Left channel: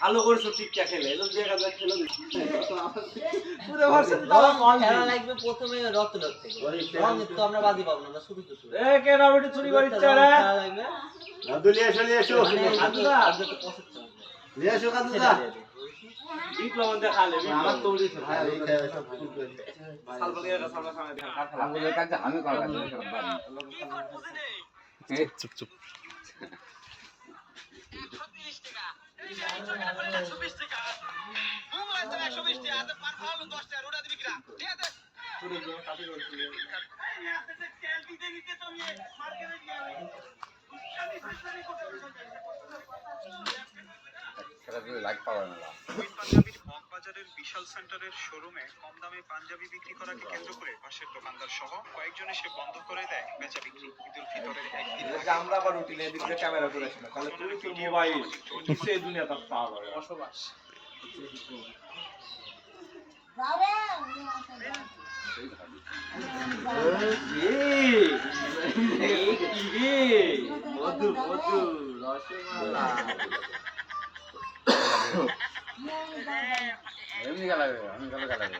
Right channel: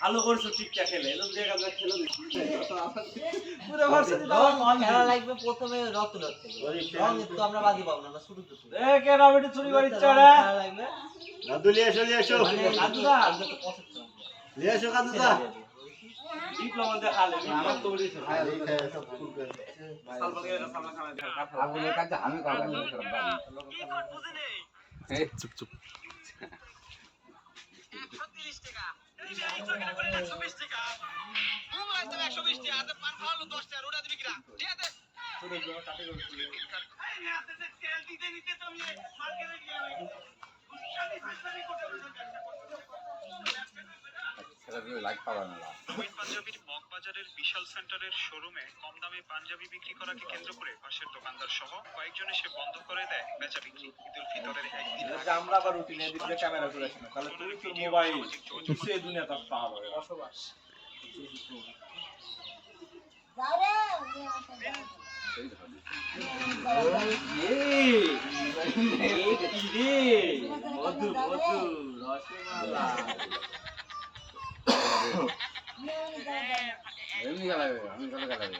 ভালো করছো টিকটা খেলে এরকম দেখা যায় খেলে পুরো ভার্সিটি দাও কল খেলা লাগবে প্রথমে রক্ত থেকে রং তো আমরা বাজি পাবো না শুরু তো শুরু এ কে রবিটি চুরি করিচ্ছে রে খেলা লাগবে দাদু নিয়ে এসো কাদুদা আজকে তো পছন্দ নিয়ে এসো কাদুদা ডিপ্লোমা দেখালে আমার তো উড়িয়ে সালবালিয়া সালবা খানা দেখা আগুনের কাছে আমি করা এই চুপ চুপ 130 টাকা এই যে 120 টাকা মোবাইল তো 120 টাকা আর পার ভালো 10 টাকা ওটা দিবি কিরা দিয়া দে পুরো জোর কাটে করছিল এই হাতে যে তেল দিতে দিতে তো আমি মার্কেটে গিয়ে আমি শানি শানি করতে সেটা দিয়ে লাইক পাওয়া না অমিত পাঞ্জাবির মগবাজারের বিশাল সেন্টারের শোরুমে কম দামে পাঞ্জাবি বিক্রি করাকে কেন্দ্র করে পাশের দোকানদার সহ কয়েকজন এসে বন্ধ করে দেয় বেচা বিক্রি। ঈদুল ফিতরের একদিন যে আমরা আবার রুটিনে এদিক দিয়ে ক্যামেরা করে আসি না তাহলে তুমি তোর মোবাইল সেই দুনিয়া তার পাওয়া যাবে বসবাস মধু মধু রসমালাই এমনি গালাবে আমি গালাবে